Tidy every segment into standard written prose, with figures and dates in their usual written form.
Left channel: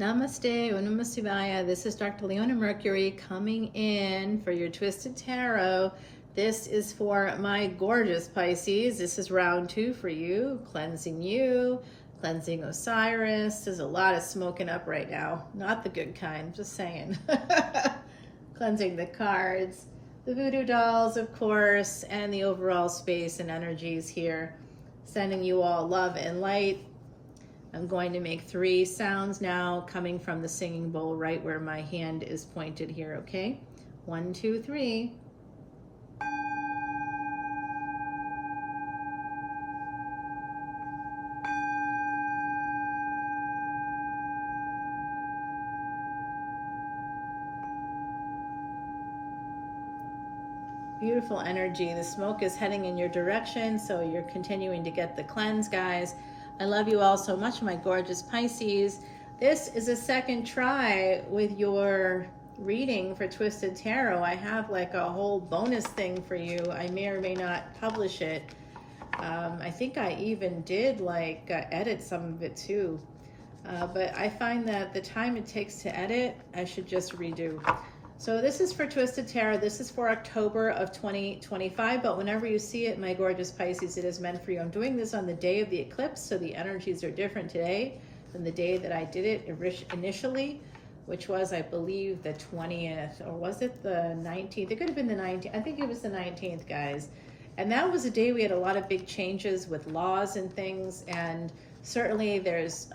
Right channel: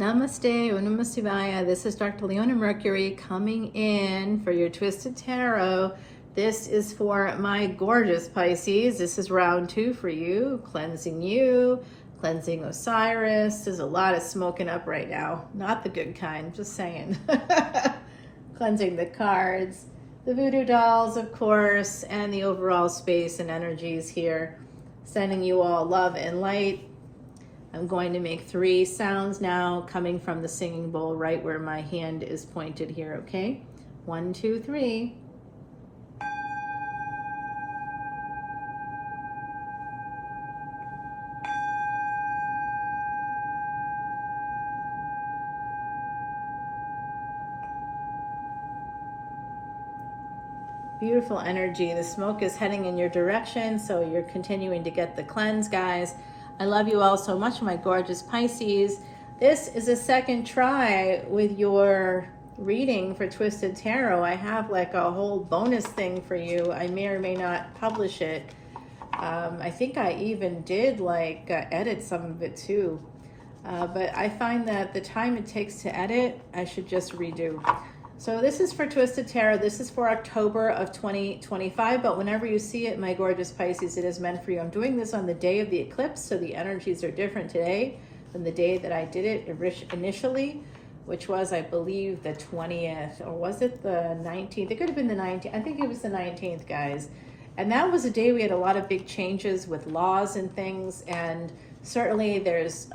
Namaste, Om Namah Shivaya. This is Dr. Leona Mercury coming in for your Twisted Tarot. This is for my gorgeous Pisces. This is round 2 for you, cleansing Osiris. There's a lot of smoking up right now. Not the good kind, just saying. Cleansing the cards, the voodoo dolls, of course, and the overall space and energies here. Sending you all love and light. I'm going to make 3 sounds now coming from the singing bowl right where my hand is pointed here, okay? 1, 2, 3. Beautiful energy. The smoke is heading in your direction, so you're continuing to get the cleanse, guys. I love you all so much, my gorgeous Pisces. This is a second try with your reading for Twisted Tarot. I have like a whole bonus thing for you. I may or may not publish it. I think I even did like edit some of it too. But I find that the time it takes to edit, I should just redo. So this is for Twisted Tarot. This is for October of 2025, but whenever you see it, my gorgeous Pisces, it is meant for you. I'm doing this on the day of the eclipse, so the energies are different today than the day that I did it initially, which was, I believe, the 20th, or was it the 19th? It could have been the 19th. I think it was the 19th, guys. And that was a day we had a lot of big changes with laws and things, and certainly there's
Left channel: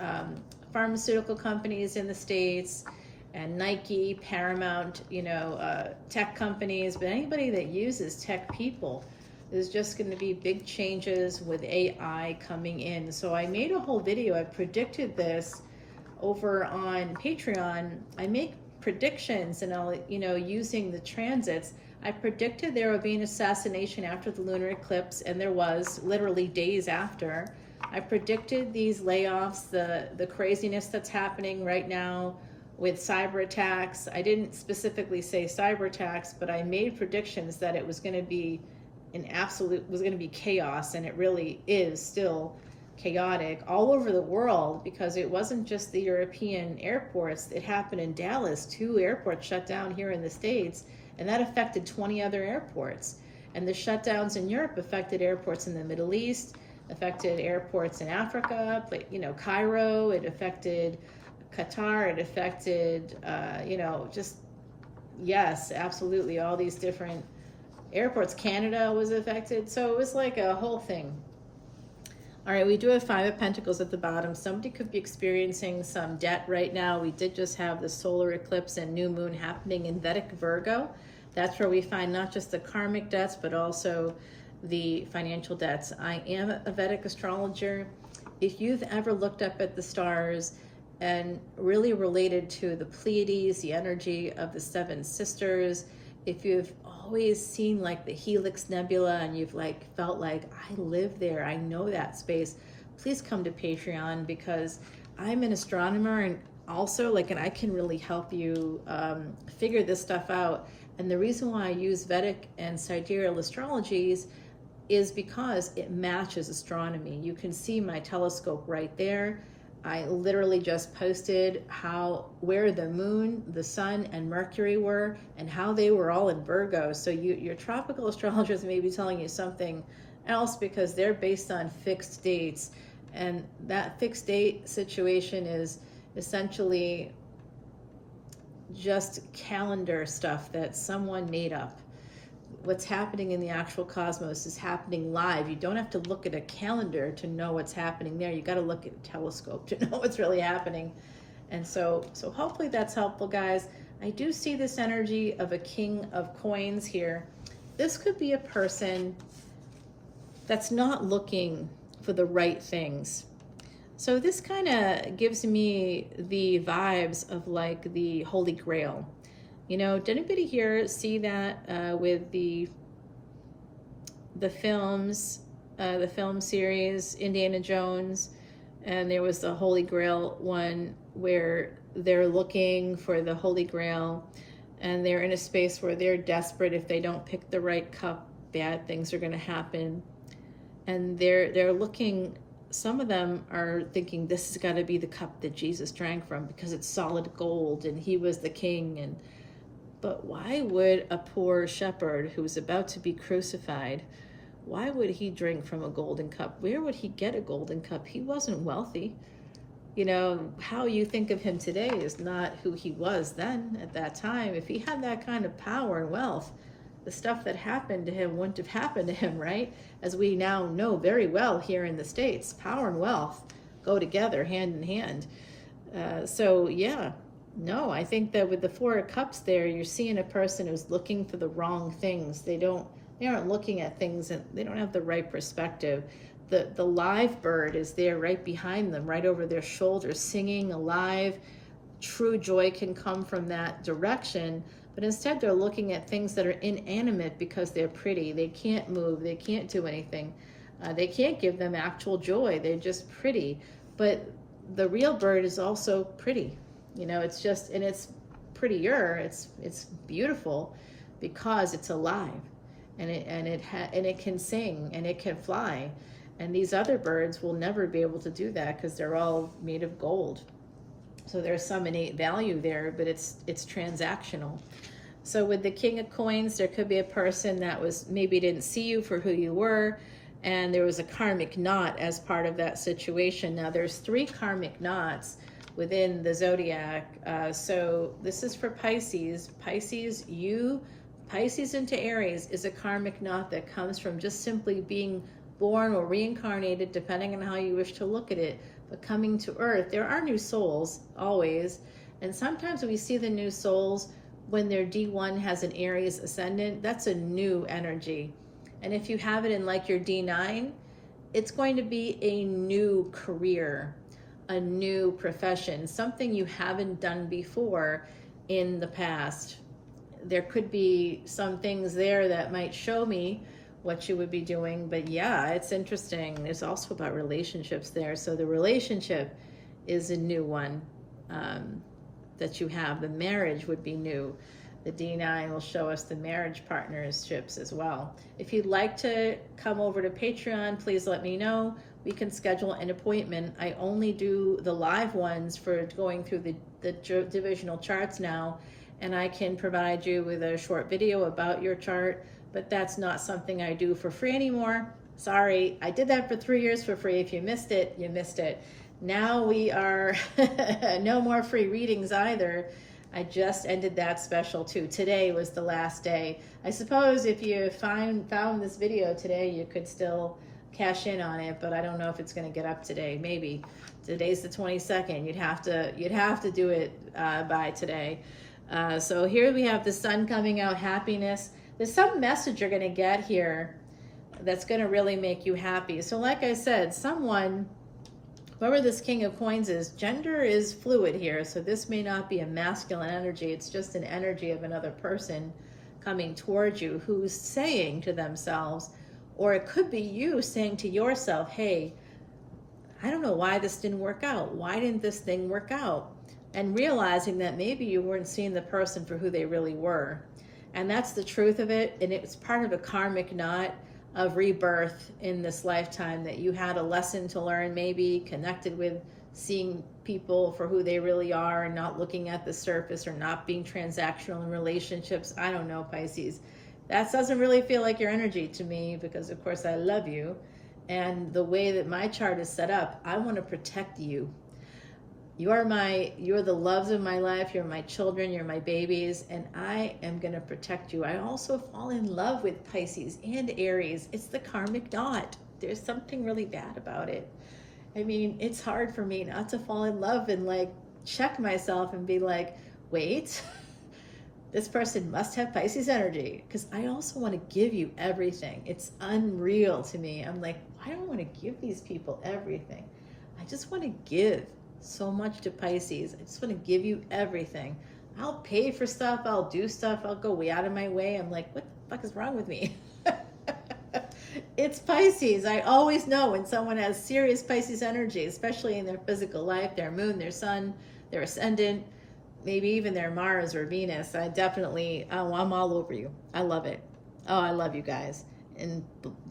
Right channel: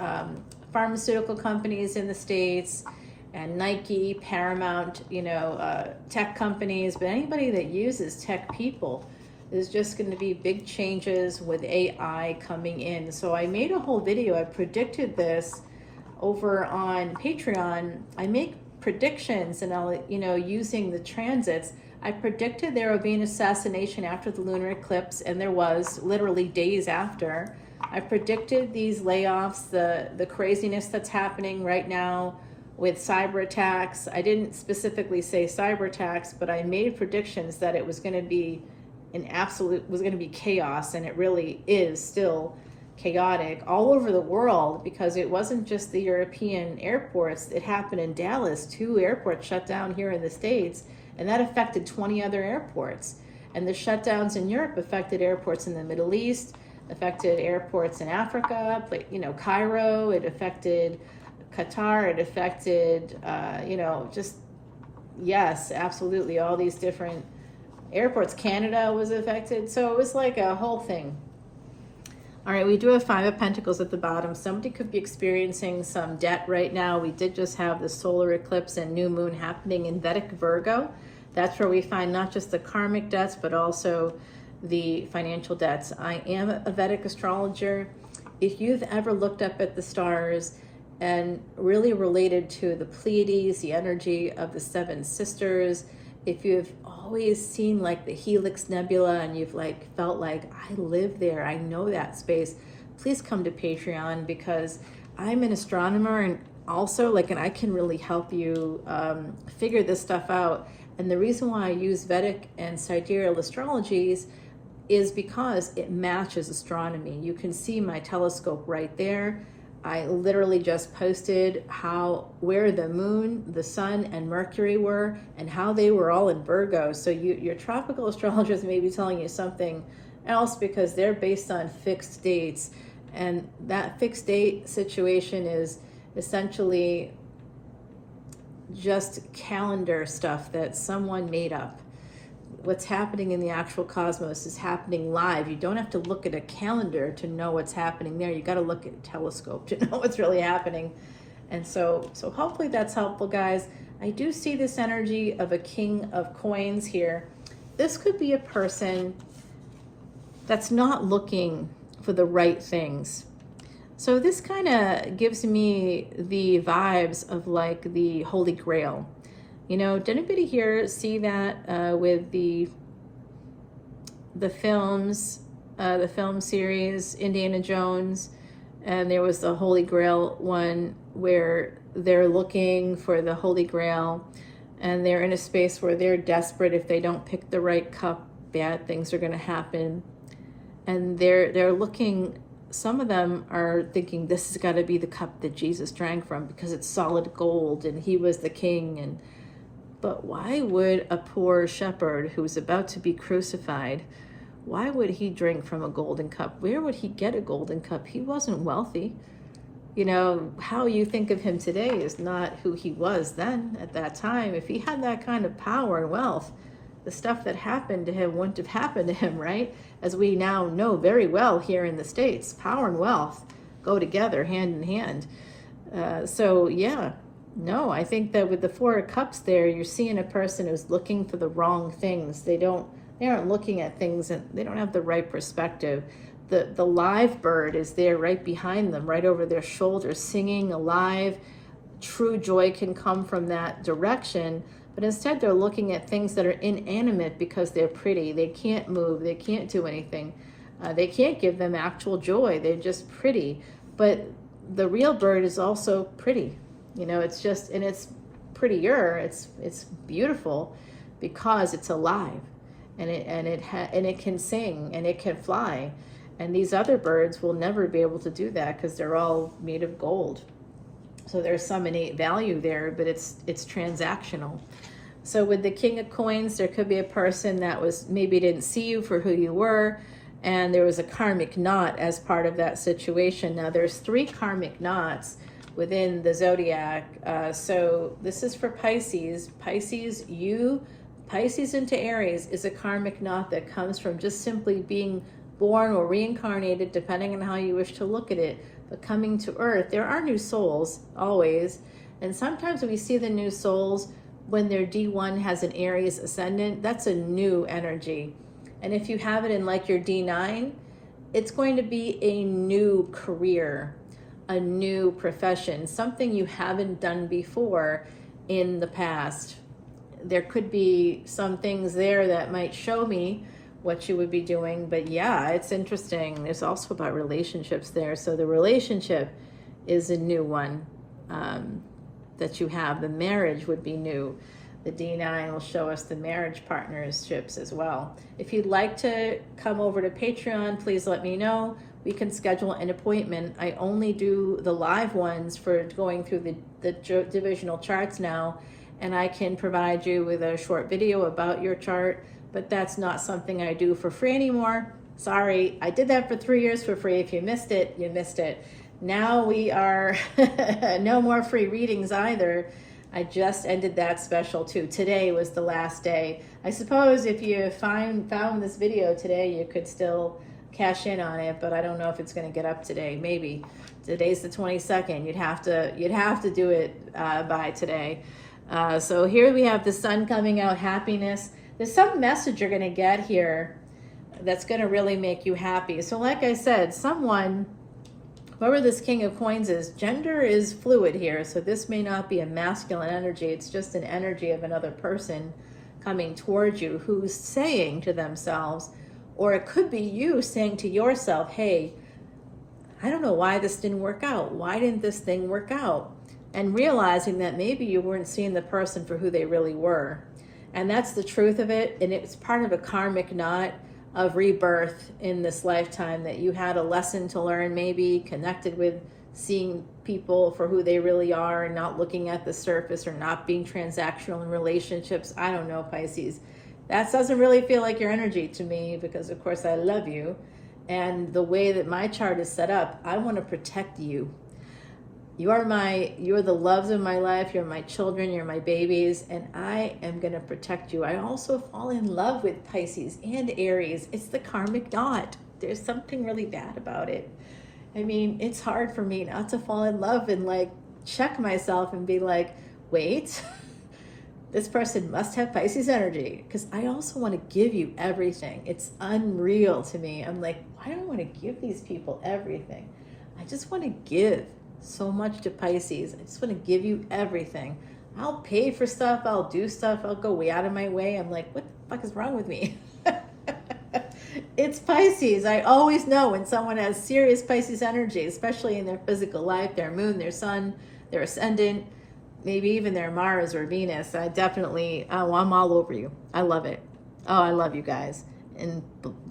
pharmaceutical companies in the States, and Nike, Paramount, tech companies, but anybody that uses tech people, there's just going to be big changes with AI coming in. So I made a whole video. I predicted this over on Patreon. I make predictions, and I'll, using the transits. I predicted there would be an assassination after the lunar eclipse, and there was literally days after. I predicted these layoffs, the craziness that's happening right now with cyber attacks. I didn't specifically say cyber attacks, but I made predictions that it was going to be was going to be chaos, and it really is still chaotic all over the world, because it wasn't just the European airports. It happened in Dallas. 2 airports shut down here in the States, and that affected 20 other airports. And the shutdowns in Europe affected airports in the Middle East, affected airports in Africa, Cairo, it affected Qatar, it affected, yes, absolutely, all these different airports. Canada was affected, so it was like a whole thing. All right, we do have 5 of Pentacles at the bottom. Somebody could be experiencing some debt right now. We did just have the solar eclipse and new moon happening in Vedic Virgo. That's where we find not just the karmic debts, but also the financial debts. I am a Vedic astrologer. If you've ever looked up at the stars and really related to the Pleiades, the energy of the 7 sisters, if you've always seen like the Helix Nebula and you've felt like, I live there, I know that space, please come to Patreon, because I'm an astronomer, and also and I can really help you figure this stuff out. And the reason why I use Vedic and sidereal astrologies is because it matches astronomy. You can see my telescope right there. I literally just posted where the moon, the sun, and Mercury were, and how they were all in Virgo. So your tropical astrologers may be telling you something else, because they're based on fixed dates. And that fixed date situation is essentially just calendar stuff that someone made up. What's happening in the actual cosmos is happening live. You don't have to look at a calendar to know what's happening there. You got to look at a telescope to know what's really happening. And so hopefully that's helpful, guys. I do see this energy of a King of Coins here. This could be a person that's not looking for the right things. So this kind of gives me the vibes of like the Holy Grail. Did anybody here see that with the films, the film series, Indiana Jones, and there was the Holy Grail one where they're looking for the Holy Grail, and they're in a space where they're desperate. If they don't pick the right cup, bad things are going to happen. And they're looking some of them are thinking this has got to be the cup that Jesus drank from because it's solid gold and he was the king. But why would a poor shepherd who's about to be crucified, why would he drink from a golden cup? Where would he get a golden cup? He wasn't wealthy. You know, how you think of him today is not who he was then at that time. If he had that kind of power and wealth, the stuff that happened to him wouldn't have happened to him, right? As we now know very well here in the States, power and wealth go together hand in hand. So yeah, no, I think that with the Four of Cups there, you're seeing a person who's looking for the wrong things. They aren't looking at things and they don't have the right perspective. The live bird is there right behind them, right over their shoulder, singing alive. True joy can come from that direction, but instead they're looking at things that are inanimate because they're pretty. They can't move, they can't do anything. They can't give them actual joy. They're just pretty. But the real bird is also pretty. You know, it's just, and it's prettier, it's beautiful because it's alive, and it can sing and it can fly. And these other birds will never be able to do that because they're all made of gold. So there's some innate value there, but it's transactional. So with the King of Coins, there could be a person that maybe didn't see you for who you were, and there was a karmic knot as part of that situation. Now there's 3 karmic knots within the zodiac. So this is for Pisces. Pisces into Aries is a karmic knot that comes from just simply being born or reincarnated, depending on how you wish to look at it, but coming to Earth. There are new souls, always, and sometimes we see the new souls when their D1 has an Aries ascendant. That's a new energy. And if you have it in like your D9, it's going to be a new career, a new profession, something you haven't done before in the past. There could be some things there that might show me what you would be doing, but yeah, it's interesting. It's also about relationships there. So the relationship is a new one that you have. The marriage would be new. The D9 will show us the marriage partnerships as well. If you'd like to come over to Patreon, please let me know. We can schedule an appointment. I only do the live ones for going through the divisional charts now, and I can provide you with a short video about your chart, but that's not something I do for free anymore. Sorry, I did that for 3 years for free. If you missed it, you missed it. Now we are no more free readings either. I just ended that special too. Today was the last day. I suppose if you found this video today, you could still cash in on it, but I don't know if it's going to get up today. Maybe today's the 22nd. You'd have to do it by today. So here we have the sun coming out, happiness. There's some message you're going to get here that's going to really make you happy. So like I said, whoever this King of Coins is, gender is fluid here. So this may not be a masculine energy. It's just an energy of another person coming towards you who's saying to themselves, or it could be you saying to yourself, hey, I don't know why this didn't work out. Why didn't this thing work out? And realizing that maybe you weren't seeing the person for who they really were. And that's the truth of it. And it's part of a karmic knot of rebirth in this lifetime, that you had a lesson to learn, maybe connected with seeing people for who they really are and not looking at the surface, or not being transactional in relationships. I don't know, Pisces. That doesn't really feel like your energy to me, because of course I love you. And the way that my chart is set up, I want to protect you. You're the loves of my life. You're my children. You're my babies. And I am going to protect you. I also fall in love with Pisces and Aries. It's the karmic knot. There's something really bad about it. I mean, it's hard for me not to fall in love and like check myself and be like, wait, this person must have Pisces energy, because I also want to give you everything. It's unreal to me. I'm like, why do I want to give these people everything? I just want to give so much to Pisces. I just want to give you everything. I'll pay for stuff. I'll do stuff. I'll go way out of my way. I'm like, what the fuck is wrong with me? It's Pisces. I always know when someone has serious Pisces energy, especially in their physical life, their moon, their sun, their ascendant, maybe even their Mars or Venus. I definitely, I'm all over you. I love it. Oh, I love you guys.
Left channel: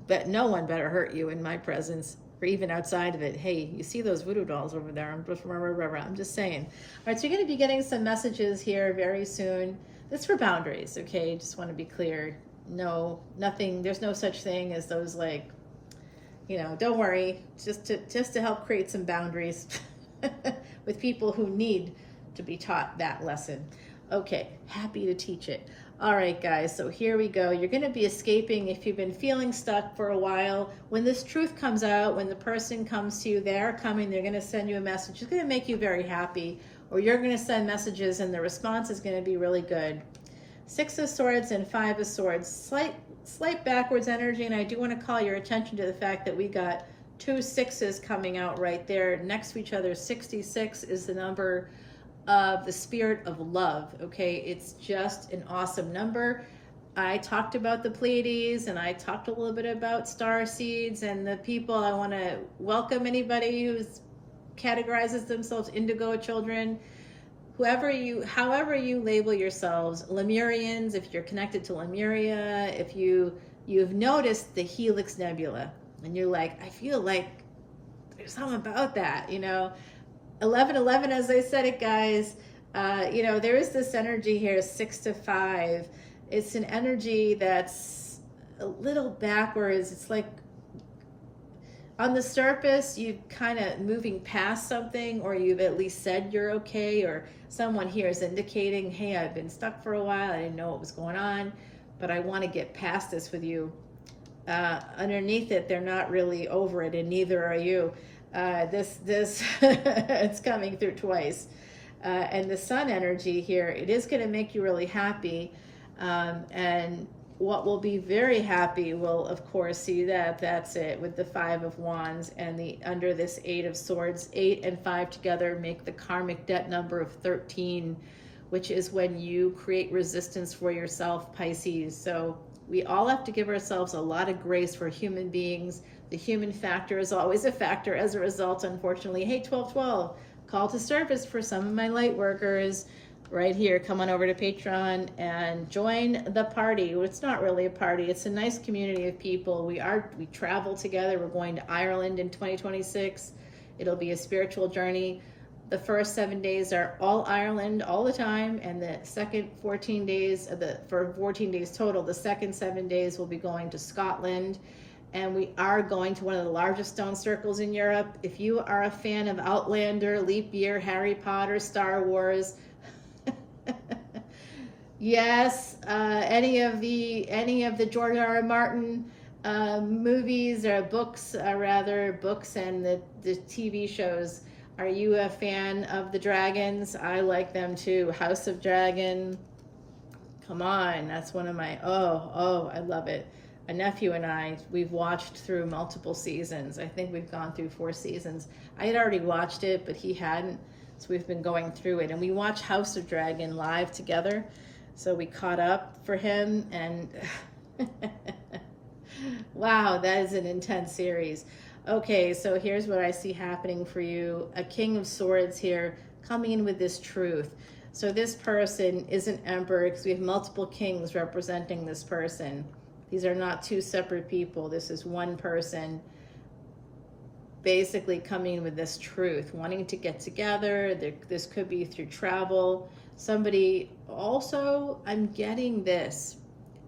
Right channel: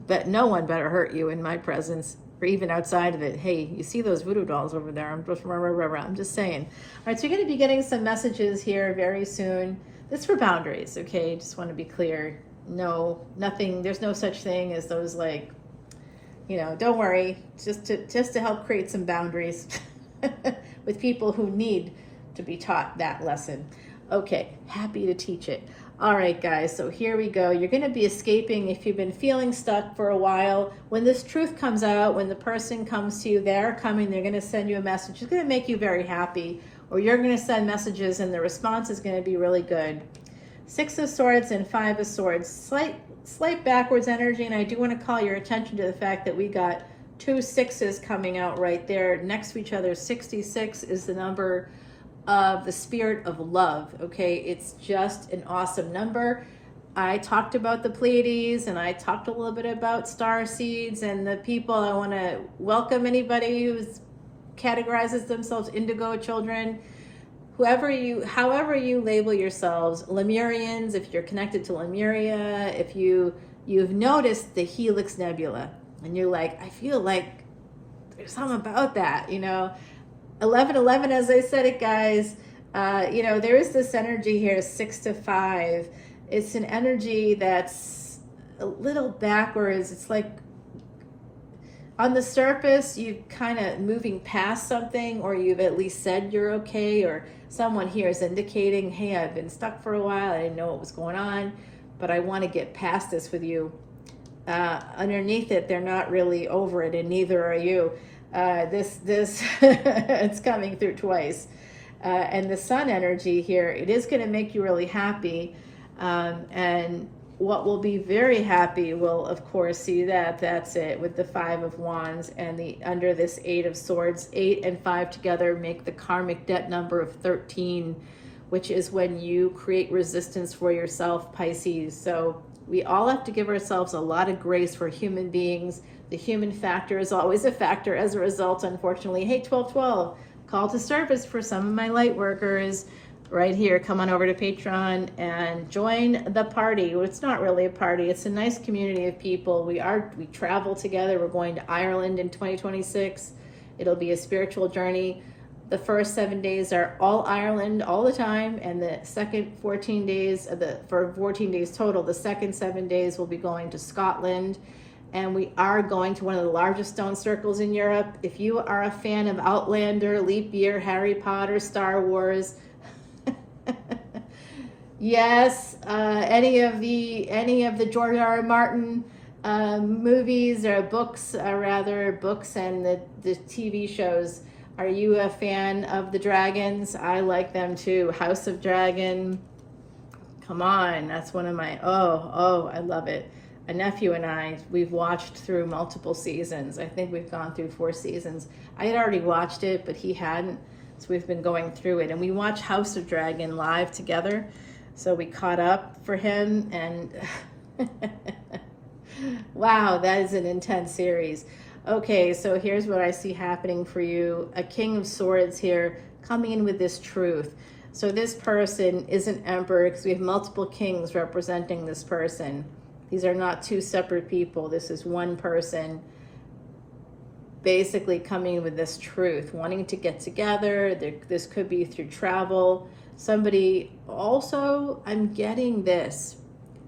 But no one better hurt you in my presence. or even outside of it. Hey, you see those voodoo dolls over there? I'm just saying. All right, so you're going to be getting some messages here very soon. This is for boundaries, okay? Just want to be clear. No, nothing, there's no such thing as those, like, you know, don't worry, just to help create some boundaries with people who need to be taught that lesson. Okay, happy to teach it. All right, guys, so here we go. You're going to be escaping if you've been feeling stuck for a while. When this truth comes out, when the person comes to you, they're coming, they're going to send you a message. It's going to make you very happy, or you're going to send messages and the response is going to be really good. 6 of Swords and 5 of Swords. Slight backwards energy, and I do want to call your attention to the fact that we got 2 6s coming out right there next to each other. 66 is the number of the spirit of love, okay? It's just an awesome number. I talked about the Pleiades, and I talked a little bit about star seeds and the people. I want to welcome anybody who categorizes themselves indigo children, however you label yourselves, Lemurians, if you're connected to Lemuria, if you've noticed the Helix Nebula, and you're like, I feel like there's something about that, you know. 1111, as I said it, guys, you know, there is this energy here, 6 to 5. It's an energy that's a little backwards. It's like on the surface, you're kind of moving past something, or you've at least said you're okay, or someone here is indicating, hey, I've been stuck for a while. I didn't know what was going on, but I want to get past this with you. Underneath it, they're not really over it, and neither are you. This it's coming through twice. And the sun energy here, it is going to make you really happy. And what will be very happy will, of course, see that's it with the 5 of Wands and the under this 8 of Swords. 8 and 5 together make the karmic debt number of 13, which is when you create resistance for yourself, Pisces. So we all have to give ourselves a lot of grace for human beings. The human factor is always a factor as a result, unfortunately. Hey, 1212, call to service for some of my light workers right here. Come on over to Patreon and join the party. Well, it's not really a party. It's a nice community of people. We travel together. We're going to Ireland in 2026. It'll be a spiritual journey. The first 7 days are all Ireland all the time, and the second 14 days, for 14 days total, the second 7 days will be going to Scotland. And we are going to one of the largest stone circles in Europe. If you are a fan of Outlander, Leap Year, Harry Potter, Star Wars, yes, any of the George R. R. Martin movies or books, books and the TV shows. Are you a fan of the dragons? I like them too. House of Dragon. Come on, that's one of my, I love it. A nephew and I, we've watched through multiple seasons. I think we've gone through 4 seasons. I had already watched it, but he hadn't. So we've been going through it. And we watched House of Dragon live together. So we caught up for him. And wow, that is an intense series. Okay, so here's what I see happening for you. A King of Swords here coming in with this truth. So this person is an emperor because we have multiple kings representing this person. These are not 2 separate people. This is one person basically coming in with this truth, wanting to get together. This could be through travel. Somebody also, I'm getting this.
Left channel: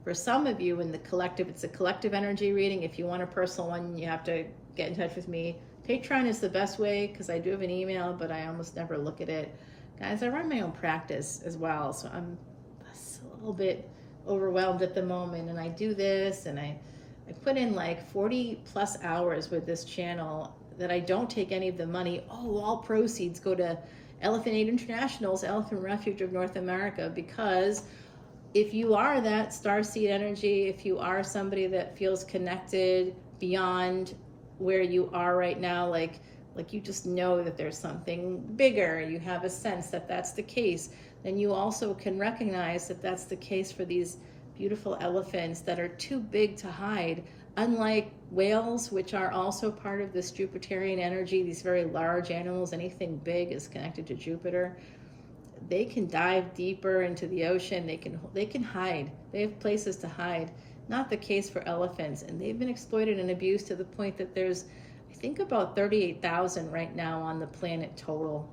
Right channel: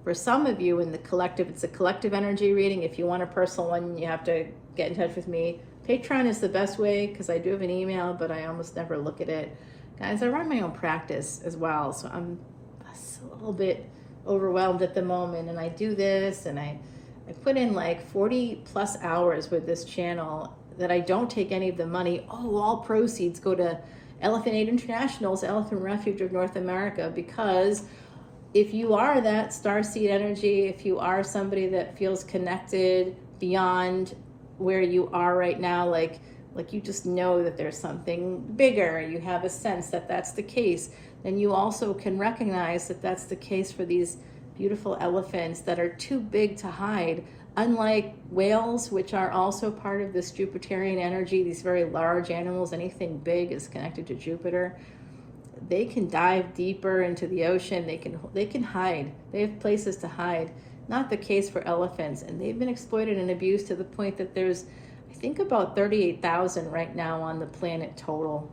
For some of you in the collective, it's a collective energy reading. If you want a personal one, you have to get in touch with me. Patreon is the best way because I do have an email, but I almost never look at it. Guys, I run my own practice as well, so I'm a little bit overwhelmed at the moment, and I do this, and I put in like 40 plus hours with this channel that I don't take any of the money. All proceeds go to Elephant Aid International's Elephant Refuge of North America, because if you are that starseed energy, if you are somebody that feels connected beyond where you are right now, like you just know that there's something bigger, you have a sense that that's the case, then you also can recognize that that's the case for these beautiful elephants that are too big to hide. Unlike whales, which are also part of this Jupiterian energy, these very large animals, anything big is connected to Jupiter. They can dive deeper into the ocean. They can hide. They have places to hide. Not the case for elephants, and they've been exploited and abused to the point that there's, I think about 38,000 right now on the planet total.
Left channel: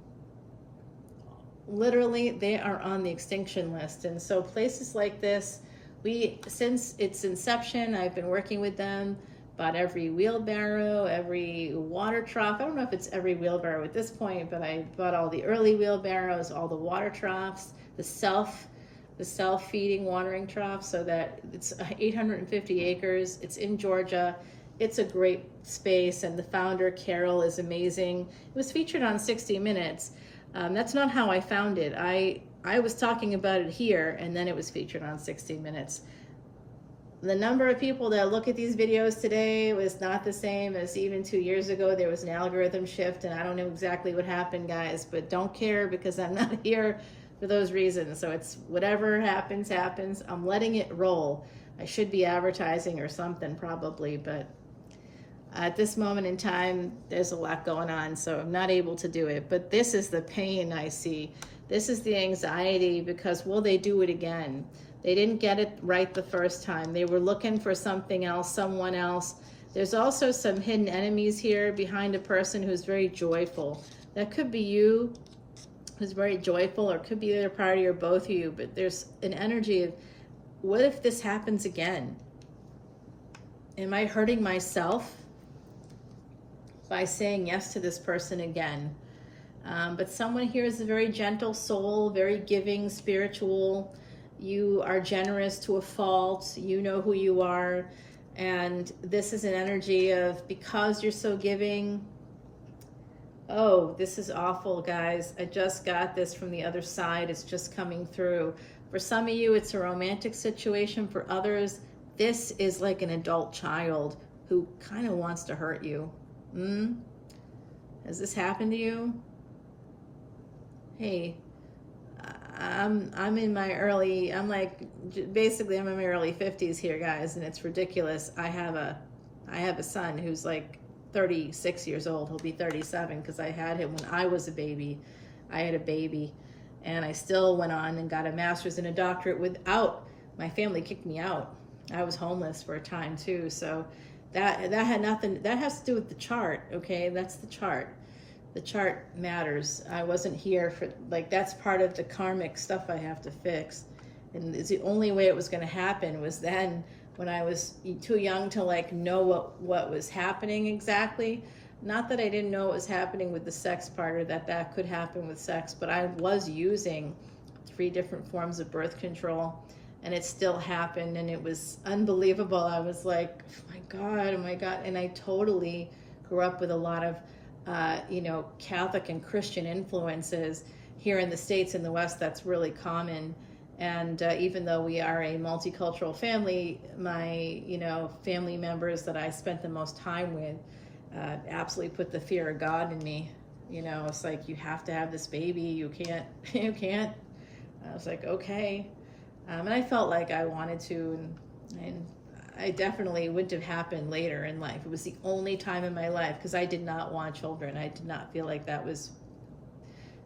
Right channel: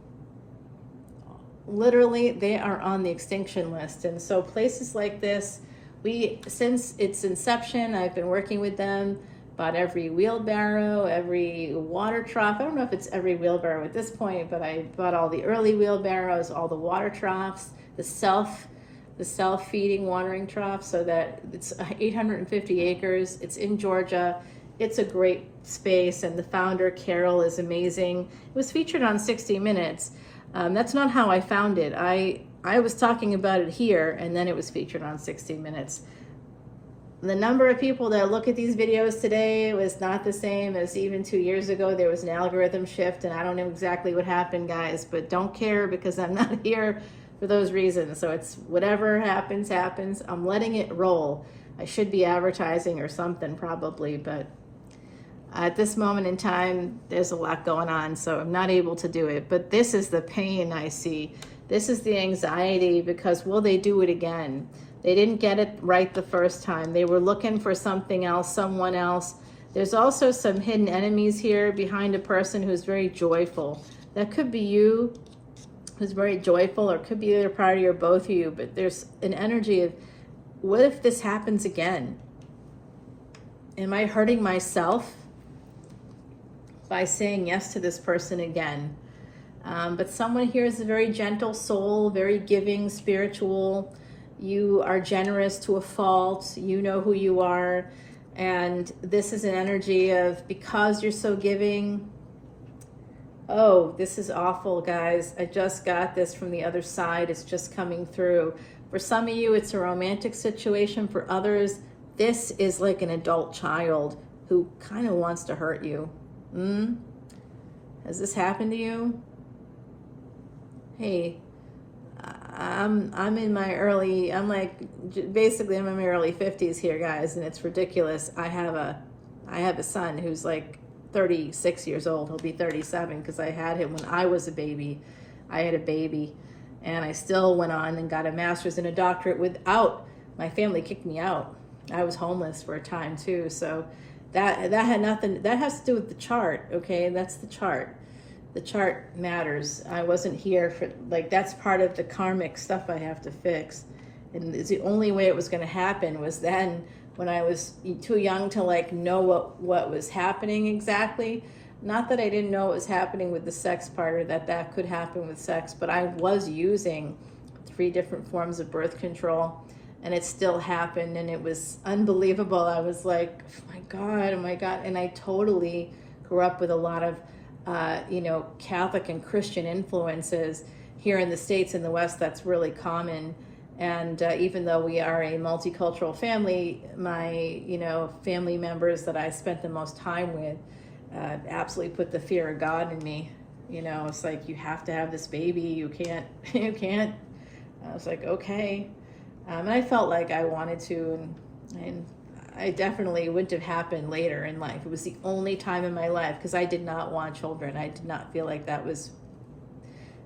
Literally, they are on the extinction list. And so places like this, since its inception, I've been working with them, bought every wheelbarrow, every water trough. I don't know if it's every wheelbarrow at this point, but I bought all the early wheelbarrows, all the water troughs, the self-feeding watering trough, so that it's 850 acres. It's in Georgia. It's a great space, and the founder, Carol, is amazing. It was featured on 60 Minutes. That's not how I found it. I was talking about it here, and then it was featured on 60 Minutes. The number of people that look at these videos today was not the same as even 2 years ago. There was an algorithm shift, and I don't know exactly what happened, guys, but don't care, because I'm not here for those reasons. So it's whatever happens, happens. I'm letting it roll. I should be advertising or something probably, but at this moment in time, there's a lot going on, so I'm not able to do it. But this is the pain I see. This is the anxiety, because will they do it again? They didn't get it right the first time. They were looking for something else, someone else. There's also some hidden enemies here behind a person who's very joyful. That could be you, who's very joyful, or it could be either party or both of you, but there's an energy of, what if this happens again? Am I hurting myself by saying yes to this person again? But someone here is a very gentle soul, very giving, spiritual. You are generous to a fault. You know who you are. And this is an energy of, because you're so giving. Oh, this is awful, guys. I just got this from the other side. It's just coming through. For some of you, it's a romantic situation. For others, this is like an adult child who kind of wants to hurt you. Has this happened to you? Hey, I'm in my early, I'm in my early 50s here, guys, and it's ridiculous. I have a son who's like 36 years old. He'll be 37, because I had him when I was a baby. I had a baby, and I still went on and got a master's and a doctorate without, my family kicked me out. I was homeless for a time too, so that had nothing, that has to do with the chart, okay? That's the chart. The chart matters. I wasn't here for, that's part of the karmic stuff I have to fix. And the only way it was going to happen was then, when I was too young to know what was happening exactly. Not that I didn't know what was happening with the sex part, or that could happen with sex, but I was using 3 different forms of birth control, and it still happened, and it was unbelievable. I was like, oh my God. And I totally grew up with a lot of Catholic and Christian influences. Here in the States, in the West, that's really common. And even though we are a multicultural family, my, family members that I spent the most time with absolutely put the fear of God in me. It's like, you have to have this baby. You can't. I was like, okay. And I felt like I wanted to, and I definitely wouldn't have happened later in life. It was the only time in my life, because I did not want children. I did not feel like that was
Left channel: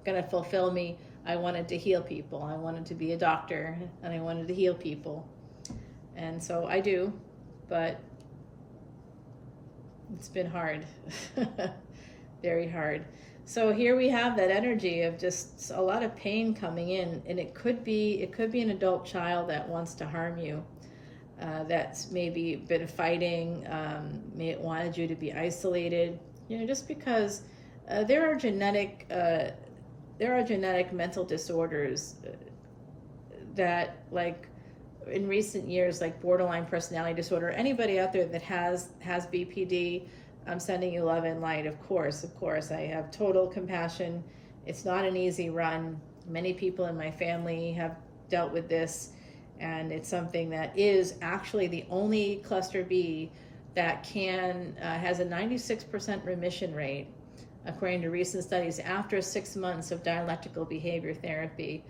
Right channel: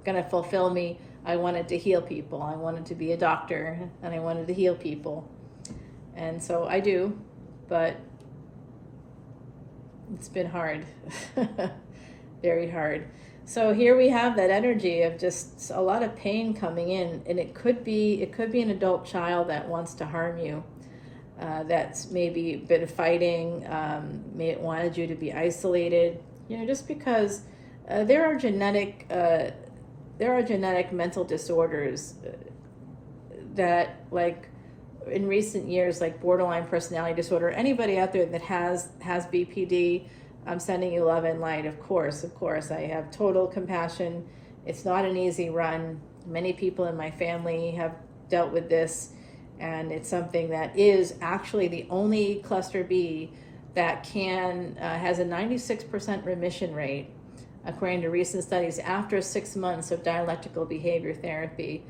going to fulfill me. I wanted to heal people. I wanted to be a doctor, and I wanted to heal people. And so I do, but it's been hard, very hard. So here we have that energy of just a lot of pain coming in, and it could be an adult child that wants to harm you. That's maybe been fighting, wanted you to be isolated, just because there are genetic mental disorders that, in recent years, like borderline personality disorder. Anybody out there that has BPD, I'm sending you love and light. Of course, I have total compassion. It's not an easy run. Many people in my family have dealt with this. And it's something that is actually the only cluster B that has a 96% remission rate, according to recent studies, after 6 months of dialectical behavior therapy.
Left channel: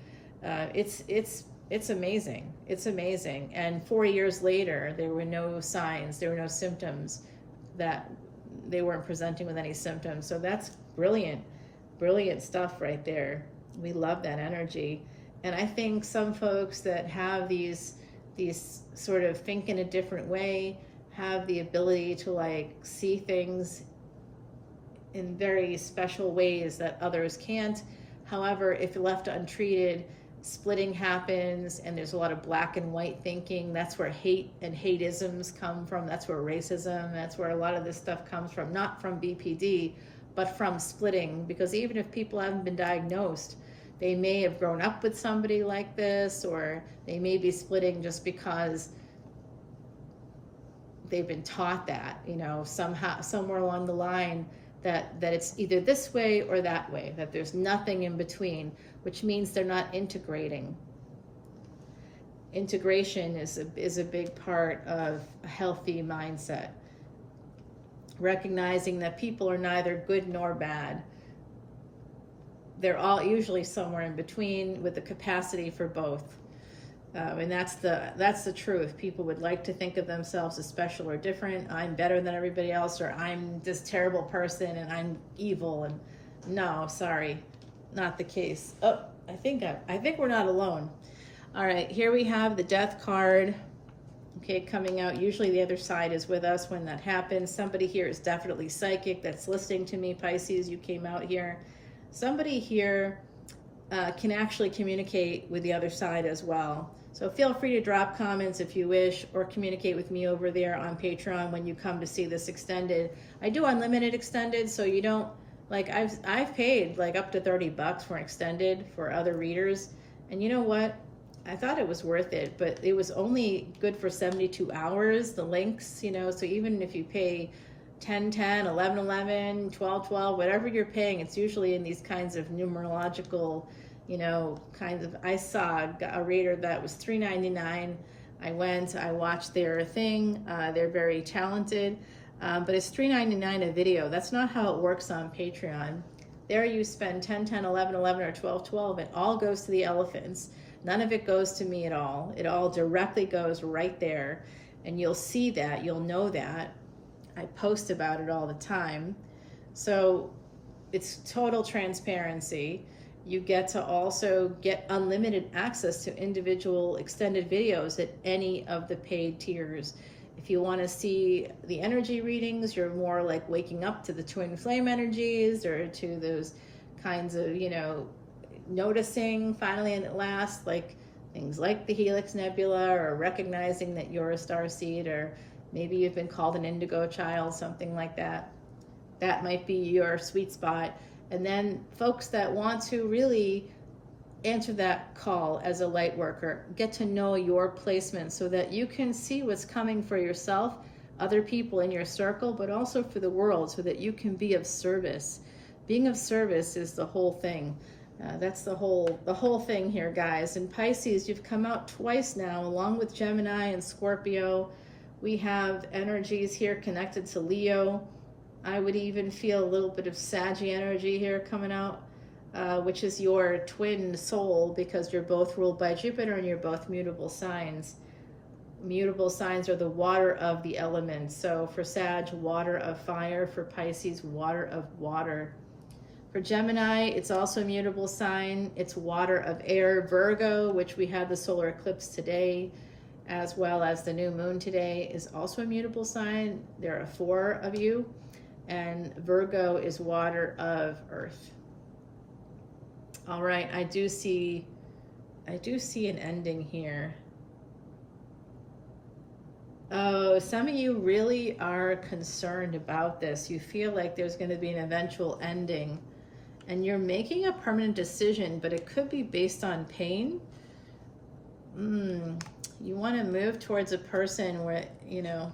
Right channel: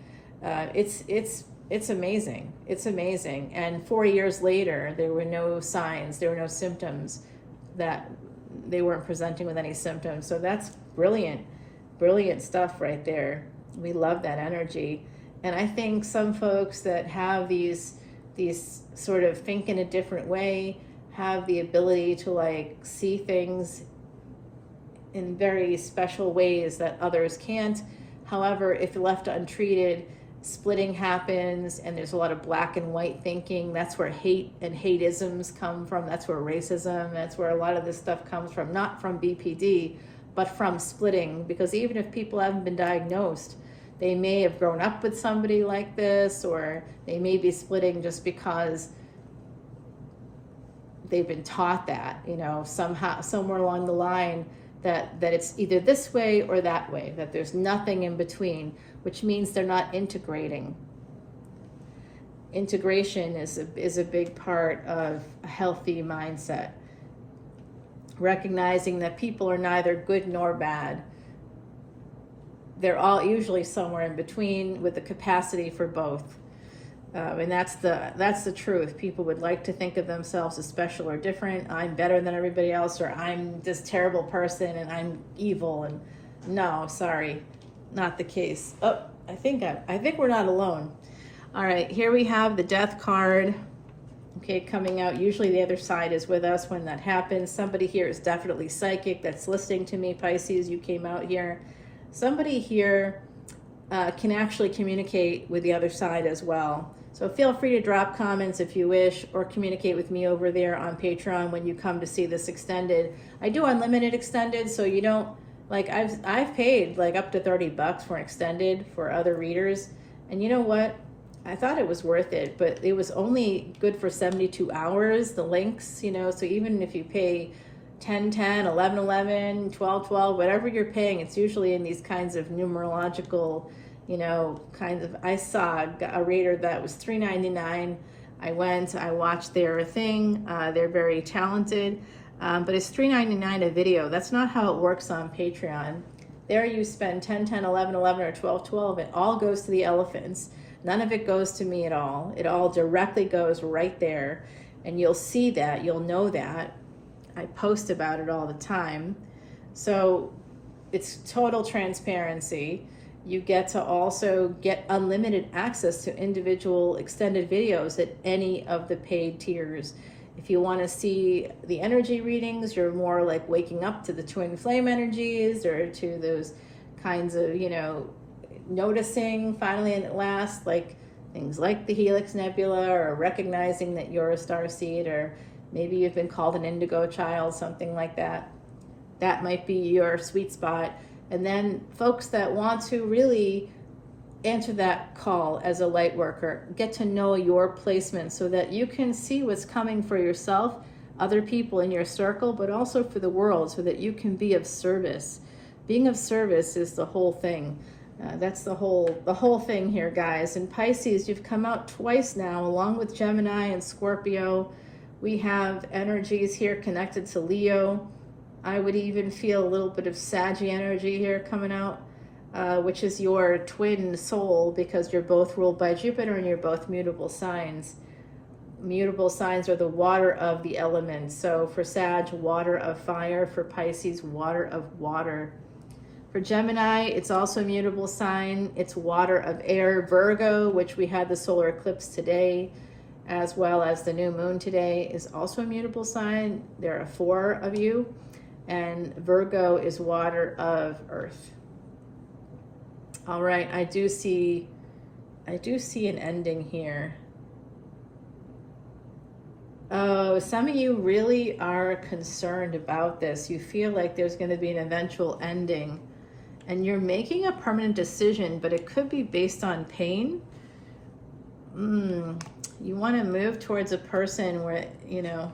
It's amazing. It's amazing. And 4 years later, there were no signs, there were no symptoms, that they weren't presenting with any symptoms. So that's brilliant, brilliant stuff right there. We love that energy. And I think some folks that have these sort of think in a different way, have the ability to see things in very special ways that others can't. However, if left untreated, splitting happens, and there's a lot of black and white thinking. That's where hate and hateisms come from. That's where racism, that's where a lot of this stuff comes from, not from BPD, but from splitting. Because even if people haven't been diagnosed, they may have grown up with somebody like this, or they may be splitting just because they've been taught that, you know, somehow, somewhere along the line, that it's either this way or that way, that there's nothing in between, which means they're not integrating. Integration is a big part of a healthy mindset. Recognizing that people are neither good nor bad. They're all usually somewhere in between with the capacity for both. And that's the truth. People would like to think of themselves as special or different. I'm better than everybody else, or I'm this terrible person and I'm evil. And no, sorry, not the case. Oh, I think we're not alone. All right, here we have the Death card. Okay, coming out. Usually the other side is with us when that happens. Somebody here is definitely psychic that's listening to me. Pisces, you came out here. Somebody here can actually communicate with the other side as well. So feel free to drop comments if you wish, or communicate with me over there on Patreon when you come to see this extended. I do unlimited extended, so you don't, like, I've paid like up to $30 for an extended for other readers. And you know what? I thought it was worth it, but it was only good for 72 hours, the links, you know, so even if you pay 10, 10, 11, 11, 12, 12, whatever you're paying, it's usually in these kinds of numerological, you know, kinds of, I saw a reader that was $3.99. I went, I watched their thing. They're very talented, but it's $3.99 a video. That's not how it works on Patreon. There you spend 10, 10, 11, 11, or 12, 12. It all goes to the elephants. None of it goes to me at all. It all directly goes right there. And you'll see that, you'll know that. I post about it all the time. So it's total transparency. You get to also get unlimited access to individual extended videos at any of the paid tiers. If you want to see the energy readings, or more like waking up to the twin flame energies, or to those kinds of, you know, noticing finally and at last, like things like the Helix Nebula, or recognizing that you're a starseed, or maybe you've been called an indigo child, something like that. That might be your sweet spot. And then folks that want to really enter that call as a light worker, get to know your placement so that you can see what's coming for yourself, other people in your circle, but also for the world, so that you can be of service. Being of service is the whole thing. That's the whole thing here, guys. And Pisces, you've come out twice now, along with Gemini and Scorpio. We have energies here connected to Leo. I would even feel a little bit of Saggy energy here coming out, which is your twin soul, because you're both ruled by Jupiter and you're both mutable signs. Mutable signs are the water of the elements. So for Sag, water of fire. For Pisces, water of water. For Gemini, it's also a mutable sign. It's water of air. Virgo, which we had the solar eclipse today, as well as the new moon today, is also a mutable sign. There are 4 of you. And Virgo is water of earth. All right, I do see an ending here. Oh, some of you really are concerned about this. You feel like there's going to be an eventual ending, and you're making a permanent decision, but it could be based on pain. You want to move towards a person where, you know,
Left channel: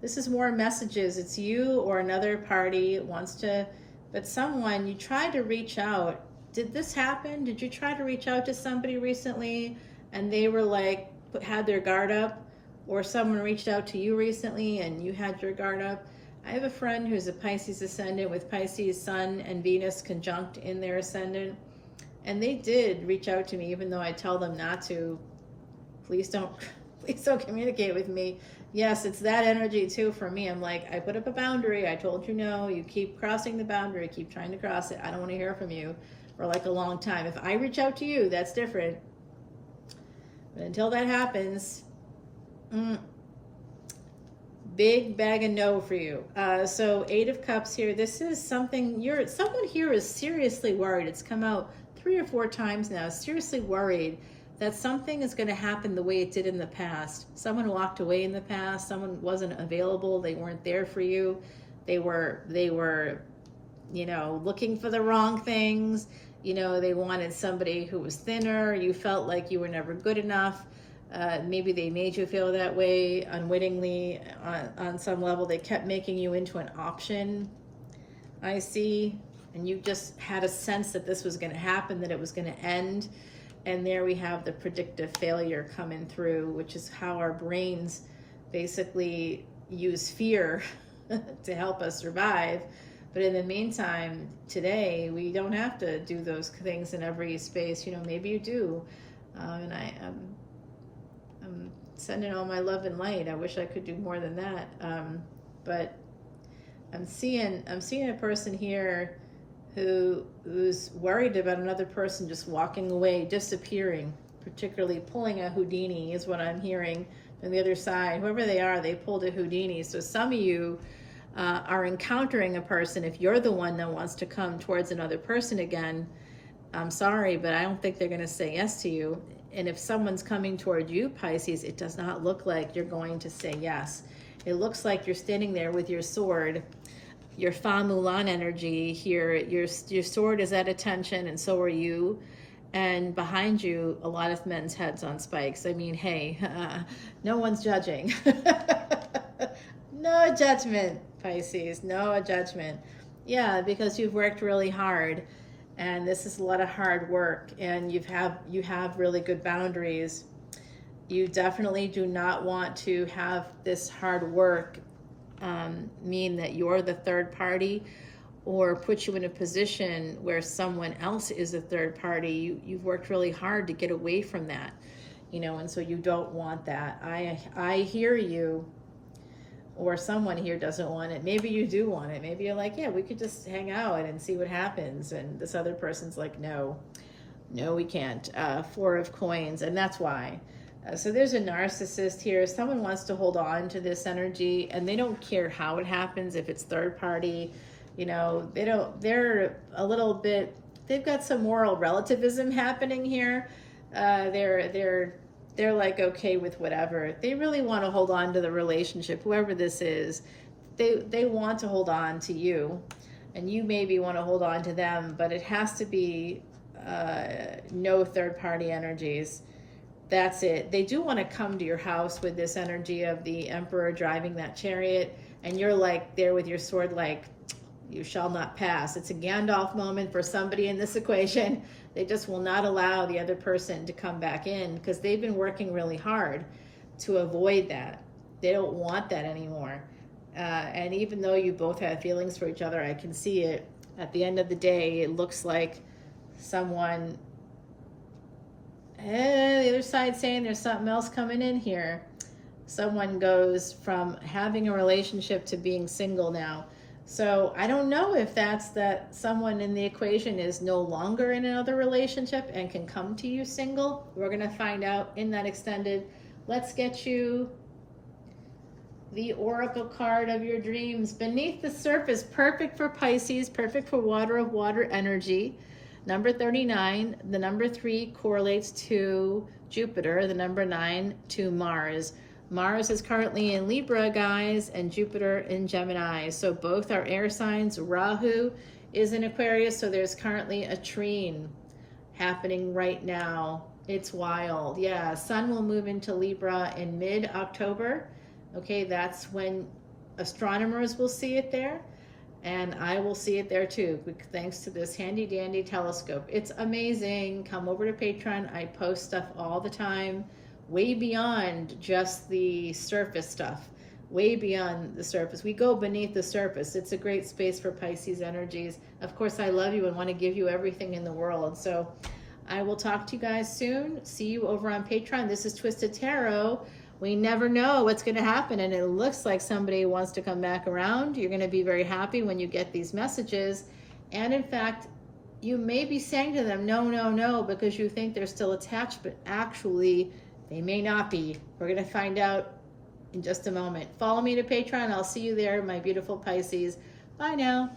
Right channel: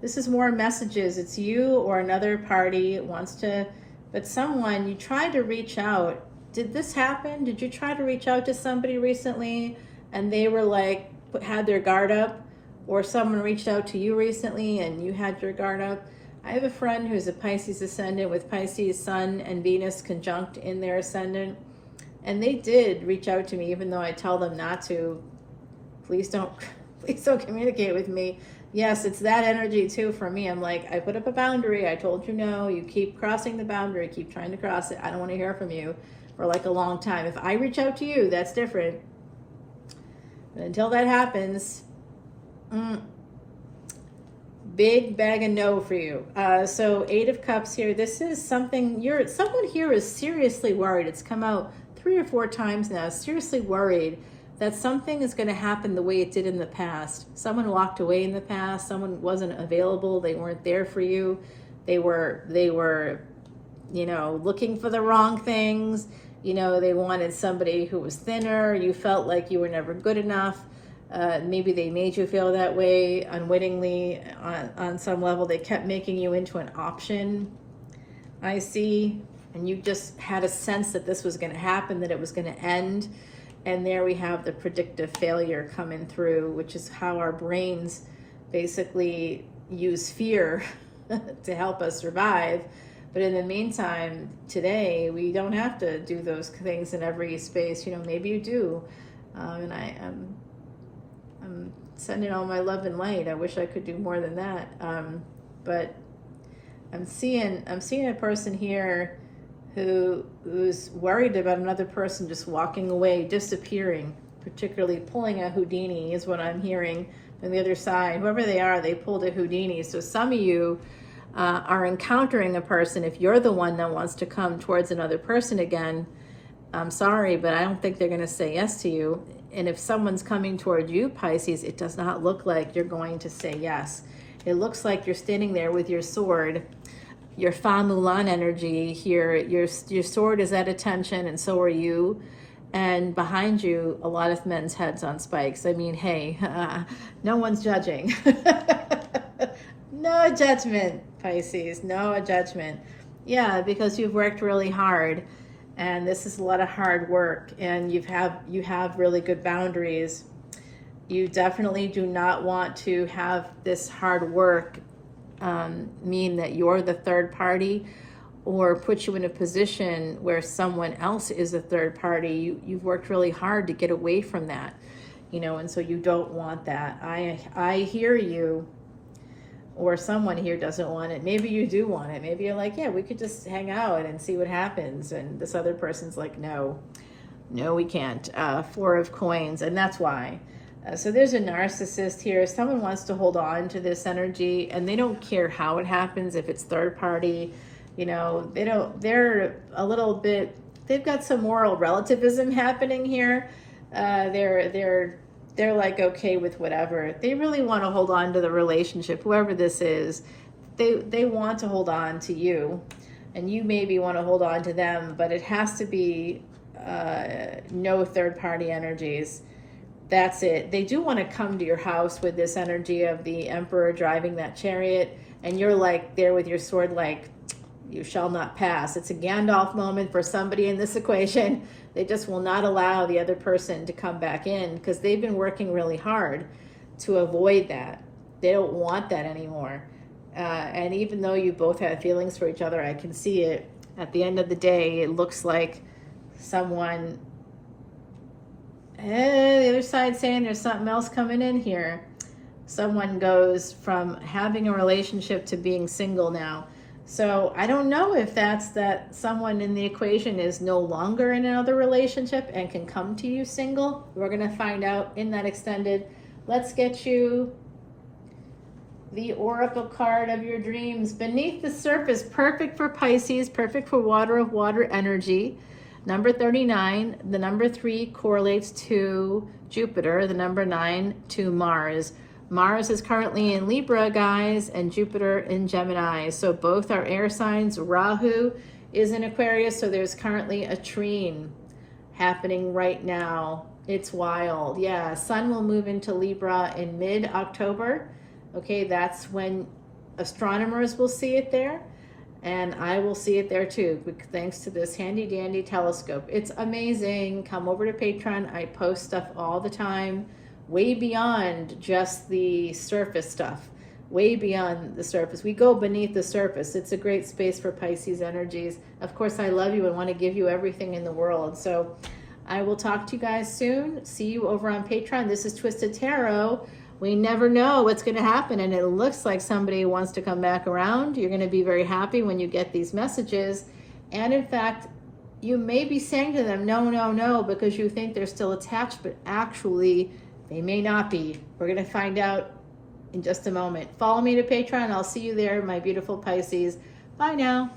this is more messages. It's you or another party wants to, but someone, you tried to reach out. Did this happen? Did you try to reach out to somebody recently and they were like, had their guard up? Or someone reached out to you recently and you had your guard up? I have a friend who's a Pisces ascendant with Pisces Sun and Venus conjunct in their ascendant. And they did reach out to me, even though I tell them not to. Please don't communicate with me. Yes, it's that energy too for me. I'm like, I put up a boundary. I told you no. You keep crossing the boundary. Keep trying to cross it. I don't want to hear from you for like a long time. If I reach out to you, that's different. But until that happens, big bag of no for you. So 8 of Cups here. This is something someone here is seriously worried. It's come out 3 or 4 times now. Seriously worried that something is going to happen the way it did in the past. Someone walked away in the past. Someone wasn't available. They weren't there for you. They were, you know, looking for the wrong things. You know, they wanted somebody who was thinner. You felt like you were never good enough. Maybe they made you feel that way unwittingly on some level. They kept making you into an option, I see. And you just had a sense that this was going to happen, that it was going to end. And there we have the predictive failure coming through, which is how our brains basically use fear to help us survive. But in the meantime, today, we don't have to do those things in every space. You know, maybe you do. And I'm sending all my love and light. I wish I could do more than that. But I'm seeing a person here who's worried about another person just walking away, disappearing, particularly pulling a Houdini is what I'm hearing on the other side. Whoever they are, they pulled a Houdini. So some of you are encountering a person, if you're the one that wants to come towards another person again, I'm sorry, but I don't think they're going to say yes to you. And if someone's coming toward you, Pisces, it does not look like you're going to say yes. It looks like you're standing there with your sword, your Fa Mulan energy here. Your sword is at attention, and so are you. And behind you, a lot of men's heads on spikes. I mean, hey, no one's judging. No judgment, Pisces, no judgment. Yeah, because you've worked really hard, and this is a lot of hard work, and you have really good boundaries. You definitely do not want to have this hard work mean that you're the third party or put you in a position where someone else is a third party. You've worked really hard to get away from that, you know, and so you don't want that. I hear you. Or someone here doesn't want it. Maybe you do want it. Maybe you're like, yeah, we could just hang out and see what happens. And this other person's like, no, we can't. 4 of Coins, and that's why. So there's a narcissist here. Someone wants to hold on to this energy, and they don't care how it happens. If it's third party, you know, they're a little bit, they've got some moral relativism happening here. They're like okay with whatever. They really want to hold on to the relationship, whoever this is. They want to hold on to you, and you maybe want to hold on to them, but it has to be no third party energies. That's it. They do want to come to your house with this energy of the Emperor driving that chariot, and you're like there with your sword like, you shall not pass. It's a Gandalf moment for somebody in this equation. They just will not allow the other person to come back in because they've been working really hard to avoid that. They don't want that anymore. And even though you both have feelings for each other, I can see it. At the end of the day, it looks like someone, the other side saying there's something else coming in here. Someone goes from having a relationship to being single now. So I don't know if that's that someone in the equation is no longer in another relationship and can come to you single. We're going to find out in that extended. Let's get you the Oracle card of your dreams. Beneath the surface, perfect for Pisces, perfect for water of water energy. Number 39, the number 3 correlates to Jupiter, the number 9 to Mars. Mars is currently in Libra, guys, and Jupiter in Gemini. So both are air signs. Rahu is in Aquarius, so there's currently a trine happening right now. It's wild. Yeah, Sun will move into Libra in mid-October. Okay, that's when astronomers will see it there, and I will see it there too, thanks to this handy-dandy telescope. It's amazing. Come over to Patreon. I post stuff all the time. Way beyond just the surface stuff, way beyond the surface. We go beneath the surface. It's a great space for Pisces energies. Of course, I love you and want to give you everything in the world. So I will talk to you guys soon. See you over on Patreon. This is Twisted Tarot. We never know what's going to happen, and it looks like somebody wants to come back around. You're going to be very happy when you get these messages. And in fact, you may be saying to them, no, no, no, because you think they're still attached, but actually, they may not be. We're going to find out in just a moment. Follow me to Patreon. I'll see you there, my beautiful Pisces. Bye now.